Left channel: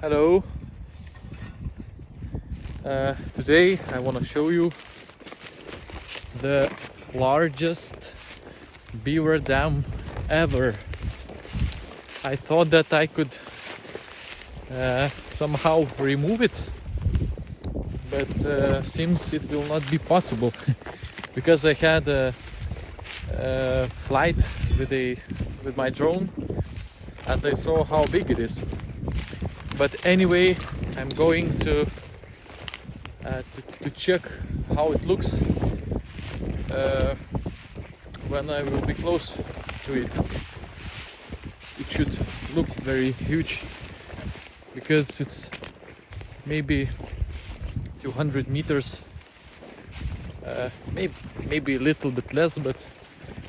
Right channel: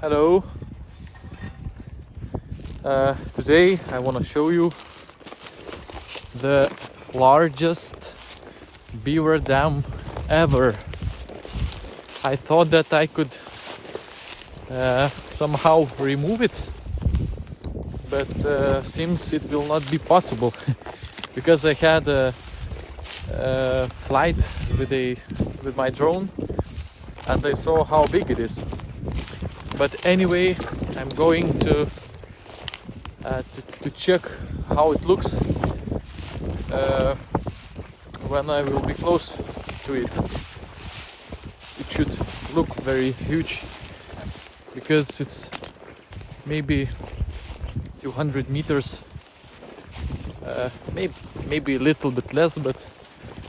Hello. Today I want to show you the largest beaver dam ever. I thought that I could somehow remove it, but seems it will not be possible because I had a flight with my drone and I saw how big it is. But anyway, I'm going to check how it looks when I will be close to it. It should look very huge because it's maybe 200 meters, maybe a little bit less, but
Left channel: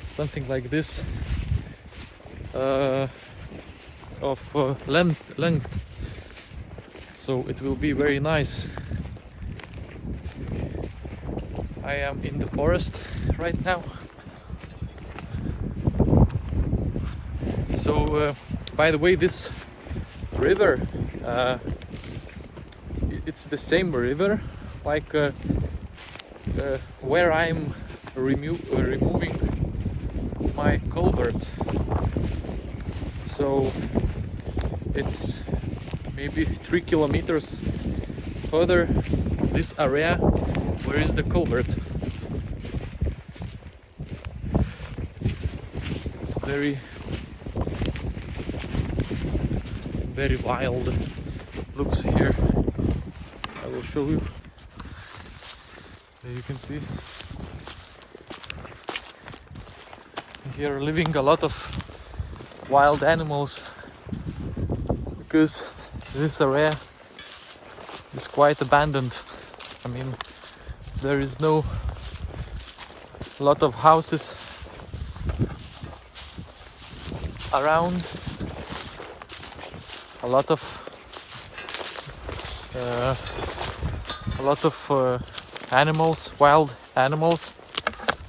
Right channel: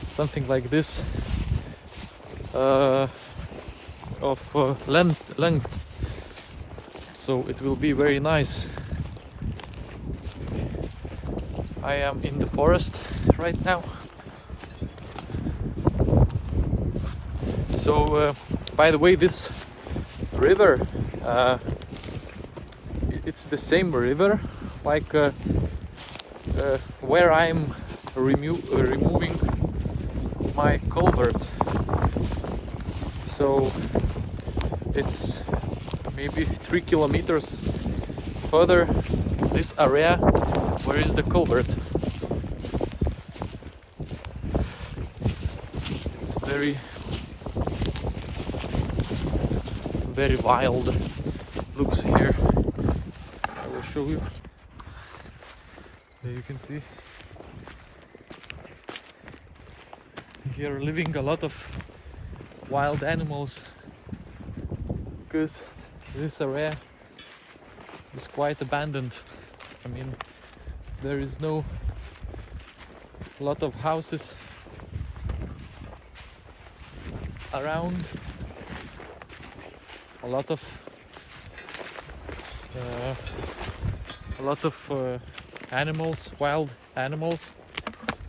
something like this of length. So it will be very nice. I am in the forest right now. So by the way, this river, it's the same river like where I'm removing my culvert. So it's maybe 3 kilometers further this area where is the culvert. It's very wild looks here. I will show you. There you can see here are living a lot of wild animals because this area is quite abandoned. I mean, there is no lot of houses around, a lot of animals, wild animals,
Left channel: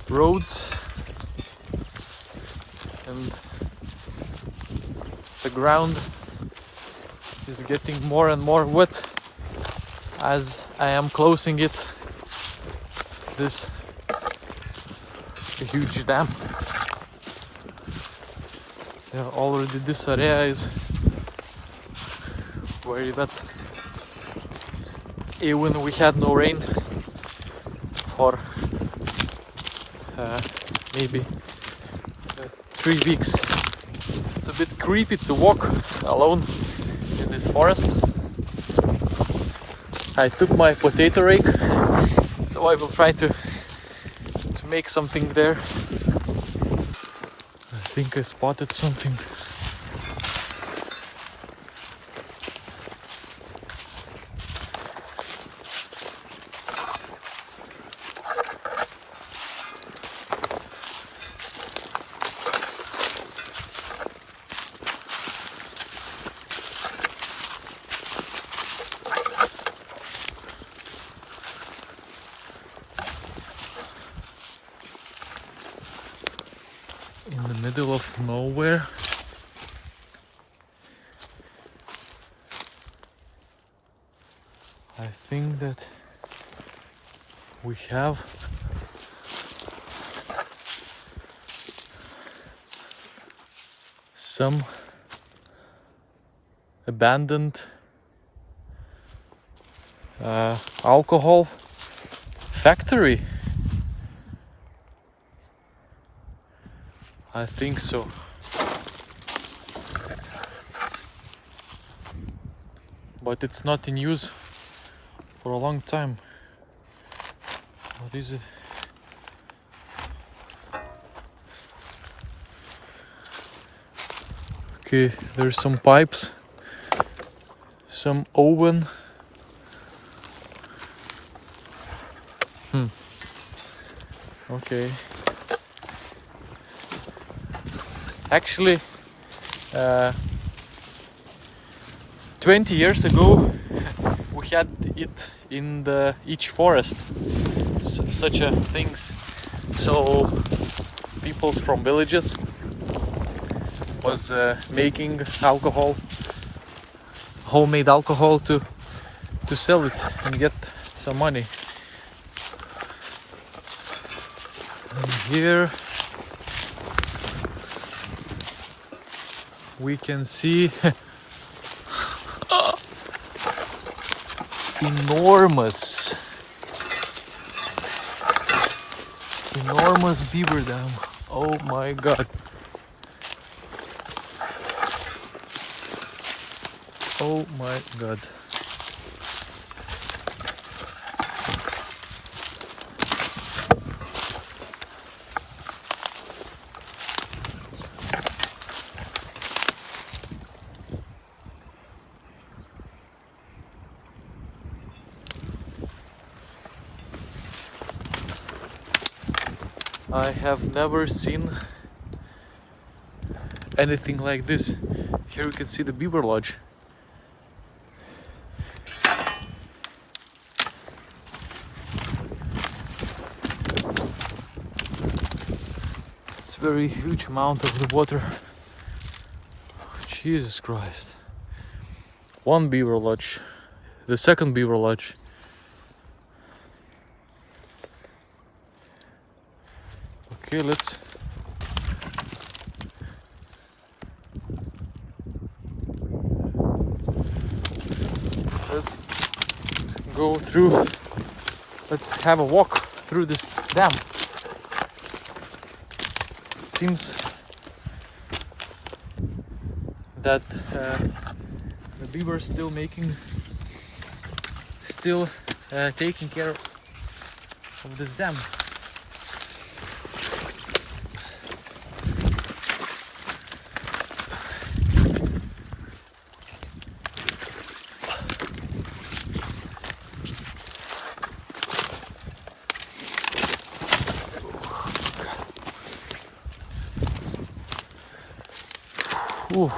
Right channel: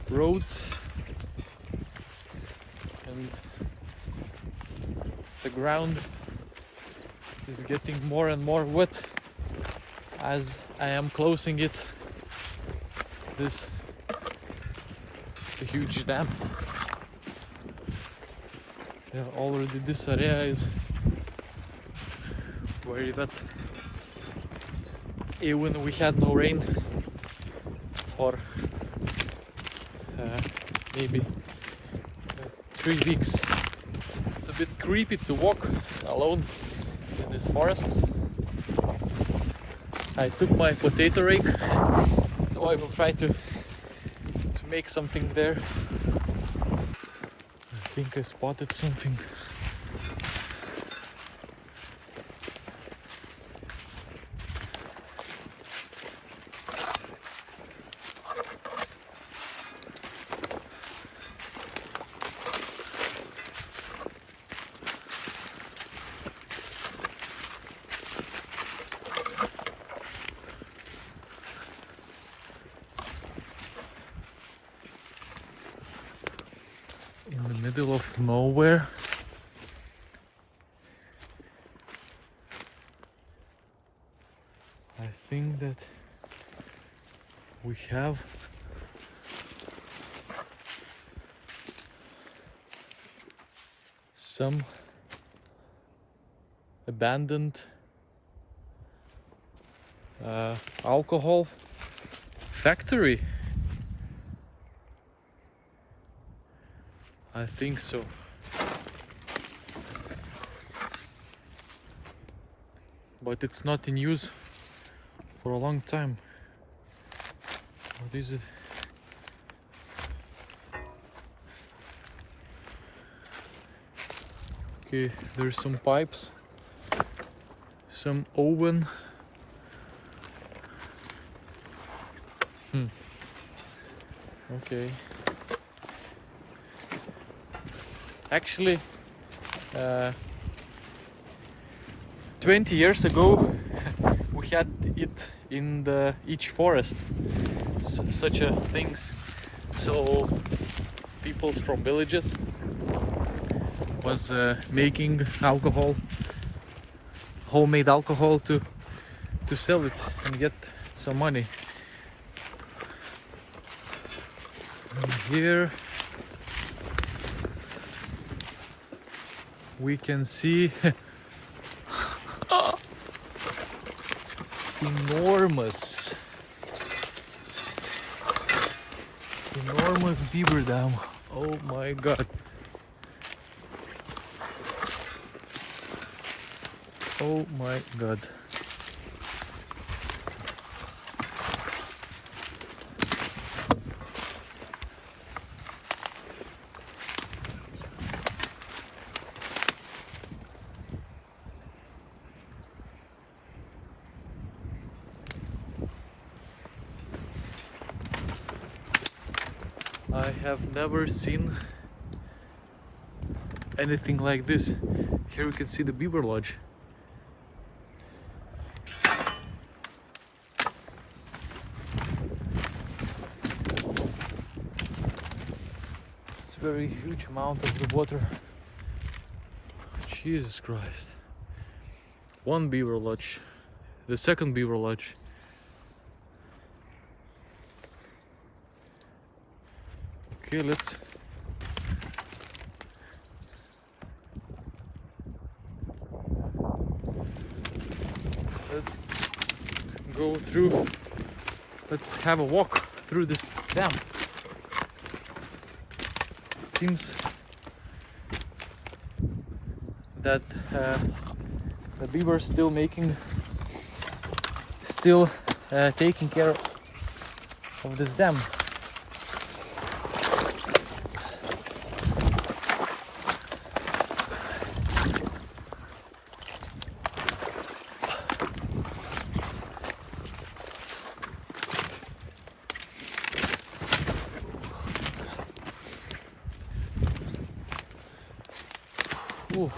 roads, and the ground is getting more and more wet as I am closing it, this huge dam. Already this area is very wet. Even we had no rain for maybe 3 weeks. It's a bit creepy to walk alone in this forest. I took my potato rake, so I will try to make something there. I think I spotted something. In the middle of nowhere. I think that we have some abandoned alcohol factory. I think so. But it's not in use for a long time. What is it? Okay, there's some pipes, some oven. Okay. Actually, 20 years ago we had it in each forest, such a things. So people from villages was making alcohol homemade alcohol to sell it and get some money. And here we can see enormous beaver dam. Oh my god. Oh my god. I have never seen anything like this. Here you can see the beaver lodge. It's a very huge amount of the water. Jesus Christ. One beaver lodge. The second beaver lodge. Okay, let's go through. Let's have a walk through this dam. It seems that the beaver is still taking care of this dam. Ooh.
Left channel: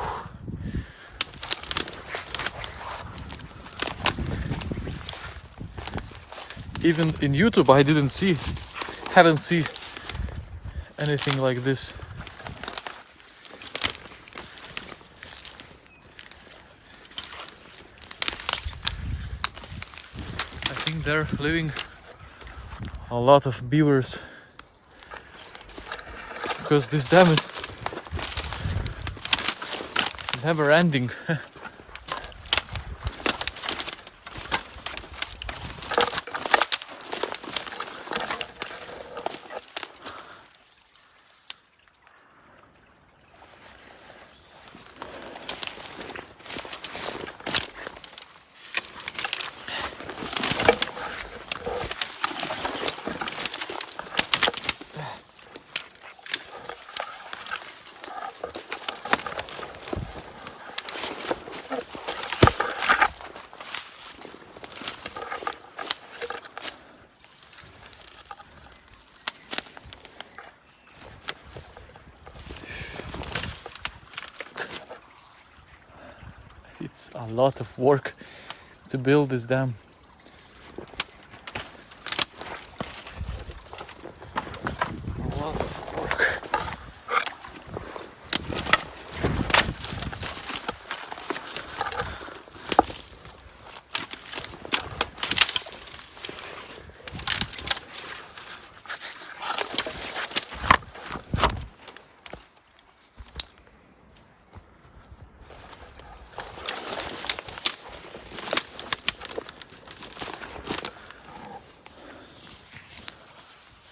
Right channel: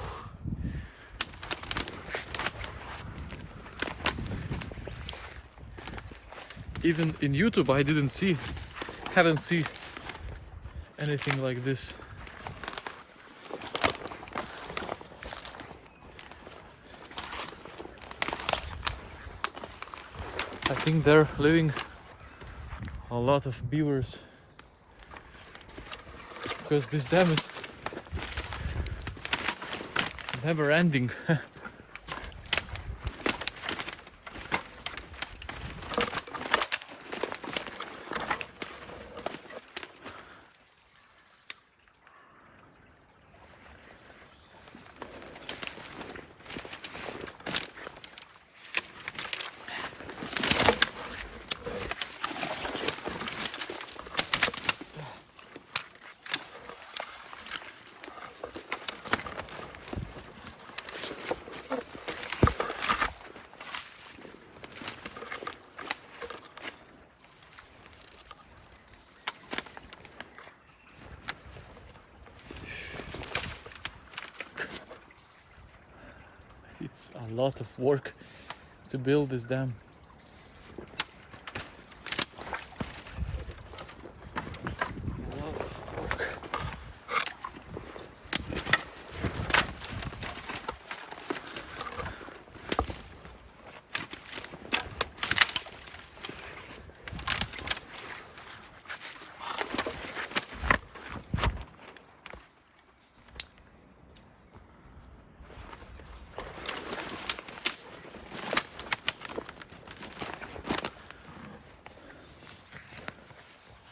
Even in YouTube I hadn't seen anything like this. I think there are living a lot of beavers because this dam is never ending. It's a lot of work to build this dam. A lot of work.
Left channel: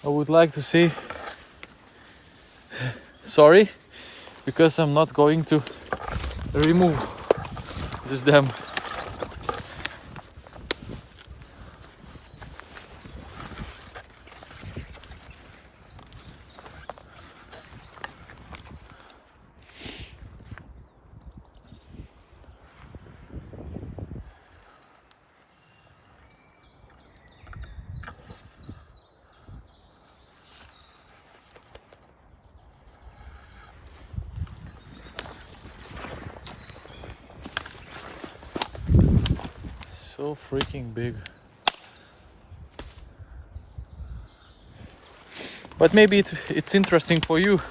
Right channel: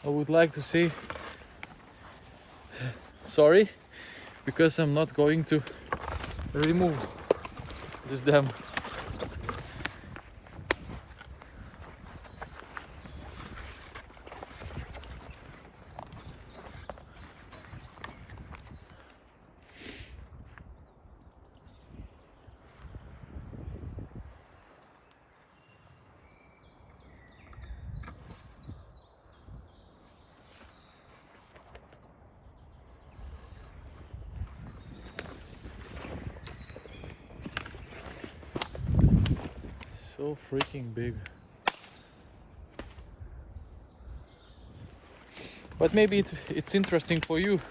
I would like to say sorry because I'm not going to remove this dam. So freaking big. But maybe it's interesting for you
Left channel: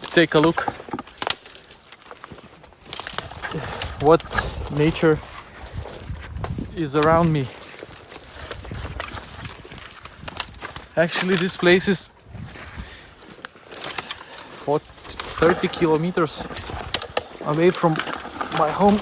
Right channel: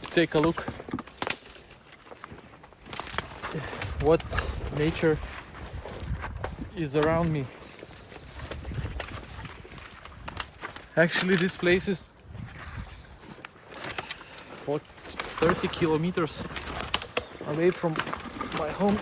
to take a look what nature is around me. Actually, this place is 30 kilometers away from my home.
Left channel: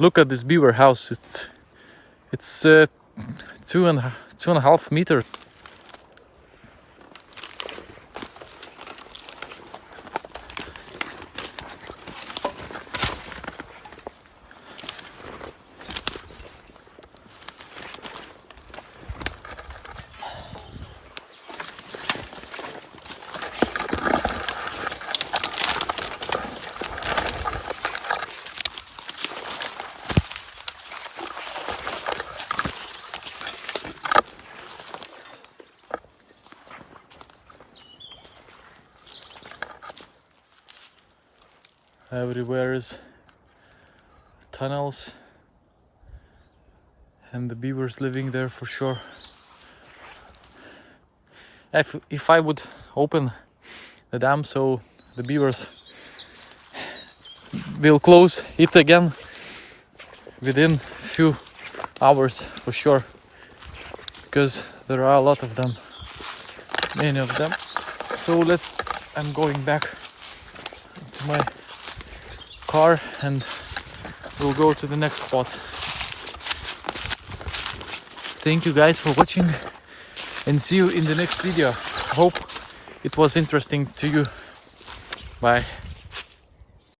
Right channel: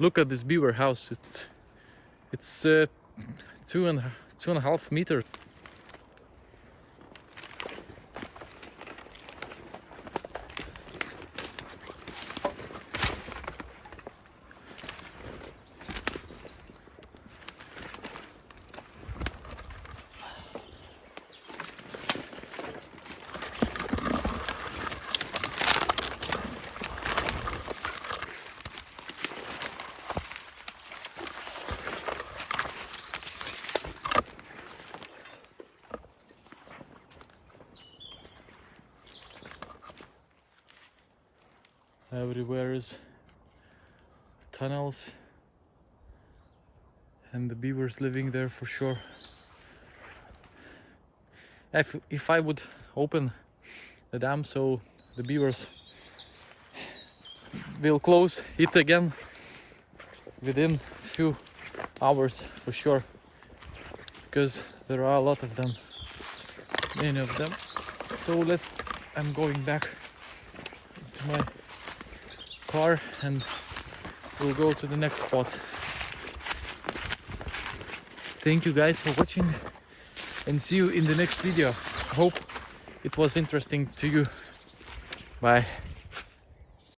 Look at this beaver house. It's 2.5 meters. Everywhere is tunnels and the beavers living there for sure. If I would open the dam, so the beavers will close it again within few hours for sure, because there are a lot of them, many of them. So I'm going back to my car and we'll go to the next spot. Thank you guys for watching and see you in the next video. Hope it was interesting to you. Bye.